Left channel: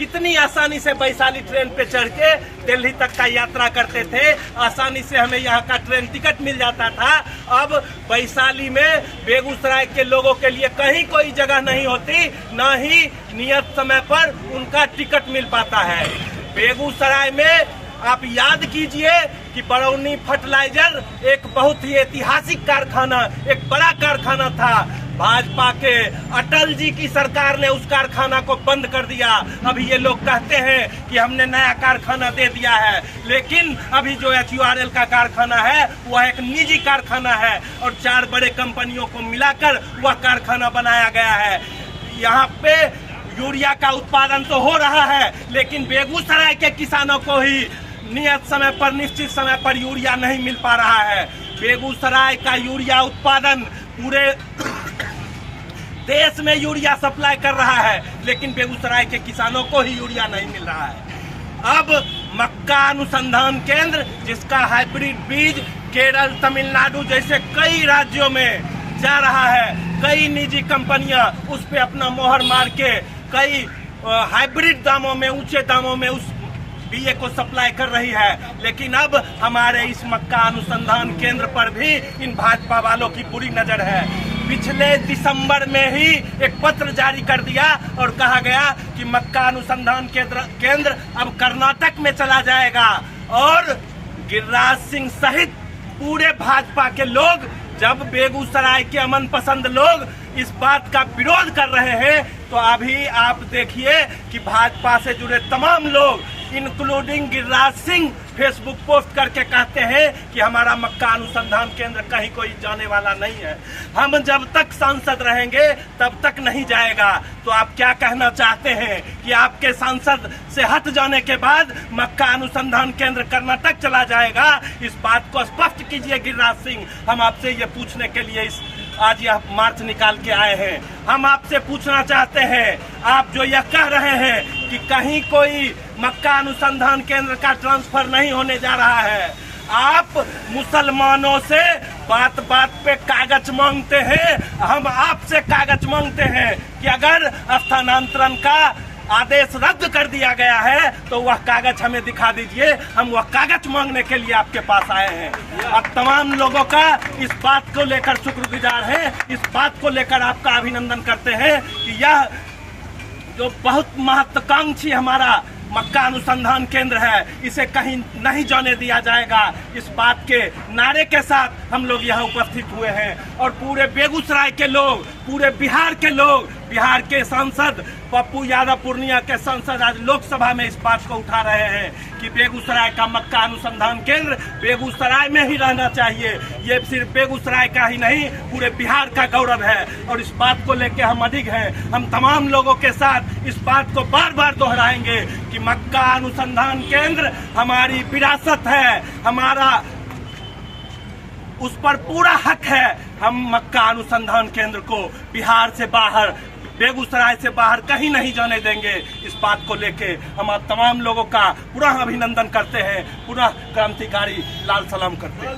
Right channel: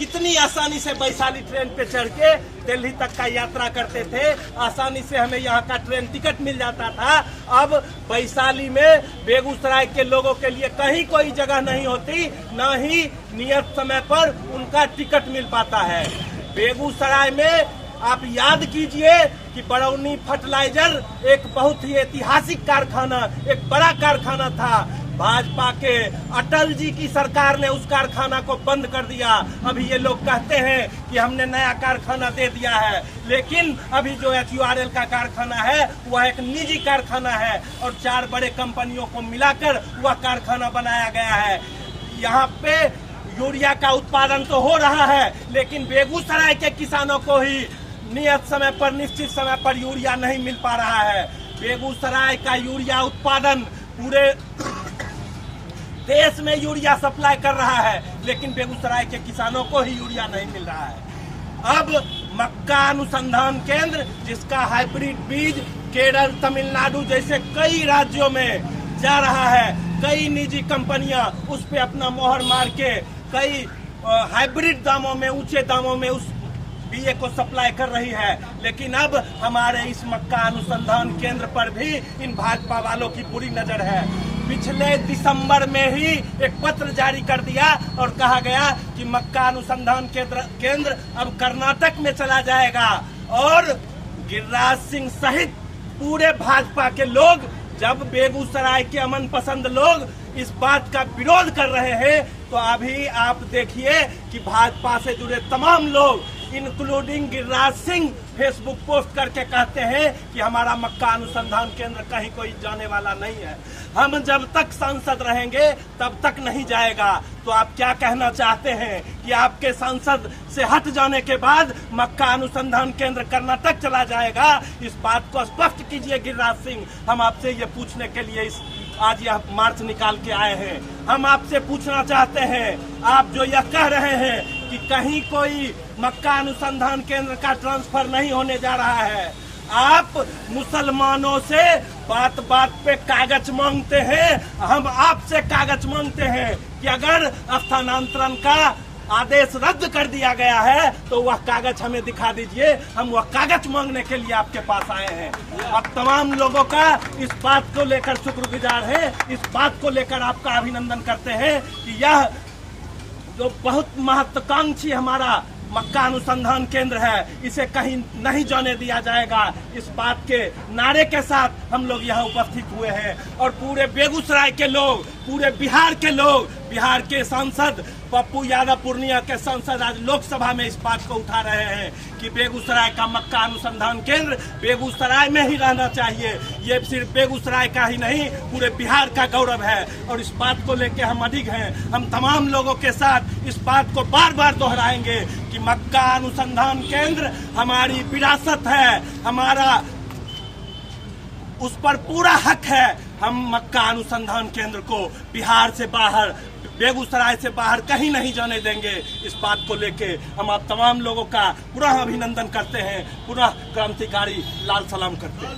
कितनी आसानी से वैशाली ट्रेन पे चढ़ के दिल्ली तक का यात्रा करते थे, आसानी से हमें यहाँ का ट्रेन टिकट मिल जाता था। अब वैशाली में बेगूसराय के लोगों के लिए कहीं कोई जगह नहीं होती, न ही नियत समय पर उनका टिकट मिल पाता है। बेगूसराय में आप याद कीजिए कि बरौनी फर्टिलाइजर एक बहुत ही ऐतिहासिक कारखाना, एक बड़ा कारखाना था। भाजपा के अटल जी की सरकार ने उस कारखाना को बंद कर दिया। अभी ये लोग कहते हैं कि हमने नया कारखाना दे दिया है, लेकिन अभी जो HURL का कारखाना है वह एक निजी कारखाना है और 4 बड़े कंपनियों को मिलाकर वह कारखाना बनाया गया है। यहाँ पे यूरिया का उत्पादन तो हो रहा है, लेकिन बेगूसराय के किसानों को ही नियत समय पर, निश्चित समय पर यूरिया नहीं मिल पा रहा है। बेगूसराय का यूरिया उत्पादन पूरे देश में यूरिया सप्लाई कर रहा है, लेकिन बेगूसराय के किसानों को ही यूरिया नहीं मिल रहा है। अब मक्का अनुसंधान केंद्र, जिसका हाइब्रिड बीज केरल, तमिलनाडु जैसे कई राज्यों में जा रहा है, कई निजी कंपनियां उस पे अपना मोहर मार के कई हाइब्रिड दामों में, ऊंचे दामों में उस बीए को सप्लाई कर रही है। लेकिन अब हमारे इस मक्का अनुसंधान केंद्र पर भी इन भाजपा वालों की बुरी नजर है। पिछले दिसंबर में ही एक पत्र जारी कर दिया और कहा गया कि मक्का अनुसंधान केंद्र अब कर्नाटक में चला जाएगा, और गिरिराज सिंह सहित पूरे भाजपा के लोग, जब बेगूसराय के अमन पसंद लोग इस बात का विरोध कर रहे हैं, तो अभी आप देखिए कि भाजपा से जुड़े तमाम लोग including Giriraj Singh Facebook post करके कहते हैं कि हमारा मक्का अनुसंधान केंद्र कहीं कोई जाने वाला नहीं है, हम जब तक सांसद रहेंगे तब तक नहीं जाएगा। तो आप क्या कहना चाहते हैं कि आपके सांसद से हट जाने के बाद मक्का अनुसंधान केंद्र कर्नाटक चला जाएगा? इस बात को स्पष्ट कीजिए गिरिराज सिंह। हम आपसे ये पूछने के लिए आज यह मार्च निकाल के आए हैं। हम आपसे पूछना चाहते हैं, आप जो यह कह रहे हैं कि कहीं कोई मक्का अनुसंधान केंद्र का ट्रांसफर नहीं होने जा रहा है, आप मुसलमानों से बात बात पे कागज मांगते हैं। हम आपसे कागज मांगते हैं कि अगर स्थानांतरण का आदेश रद्द कर दिया गया है तो वह कागज हमें दिखा दीजिए। हम वह कागज मांगने के लिए आपके पास आए हैं और तमाम लोगों का इस बात को लेकर शुक्रगुजार हैं, इस बात को लेकर आपका अभिनंदन करते हैं कि यह जो बहुत महत्वाकांक्षी हमारा मक्का अनुसंधान केंद्र है, इसे कहीं नहीं जाने दिया जाएगा। इस बात के नारे के साथ हम लोग यहाँ उपस्थित हुए हैं और पूरे बेगूसराय के लोग, पूरे बिहार के लोग, बिहार के सांसद पप्पू यादव, पूर्णिया के सांसद आज लोकसभा में इस बात को उठा रहे हैं कि बेगूसराय का मक्का अनुसंधान केंद्र बेगूसराय में ही रहना चाहिए। ये सिर्फ बेगूसराय का ही नहीं, पूरे बिहार का गौरव है और इस बात को लेकर हम अडिग हैं। हम तमाम लोगों के साथ इस बात को बार बार दोहराएंगे कि मक्का अनुसंधान केंद्र हमारी विरासत है, हमारा उस पर पूरा हक है। हम मक्का अनुसंधान केंद्र को बिहार से बाहर, बेगूसराय से बाहर कहीं नहीं जाने देंगे। इस बात को लेके हम आप तमाम लोगों का पुनः अभिनंदन करते हैं, पुनः क्रांतिकारी लाल सलाम करते हैं।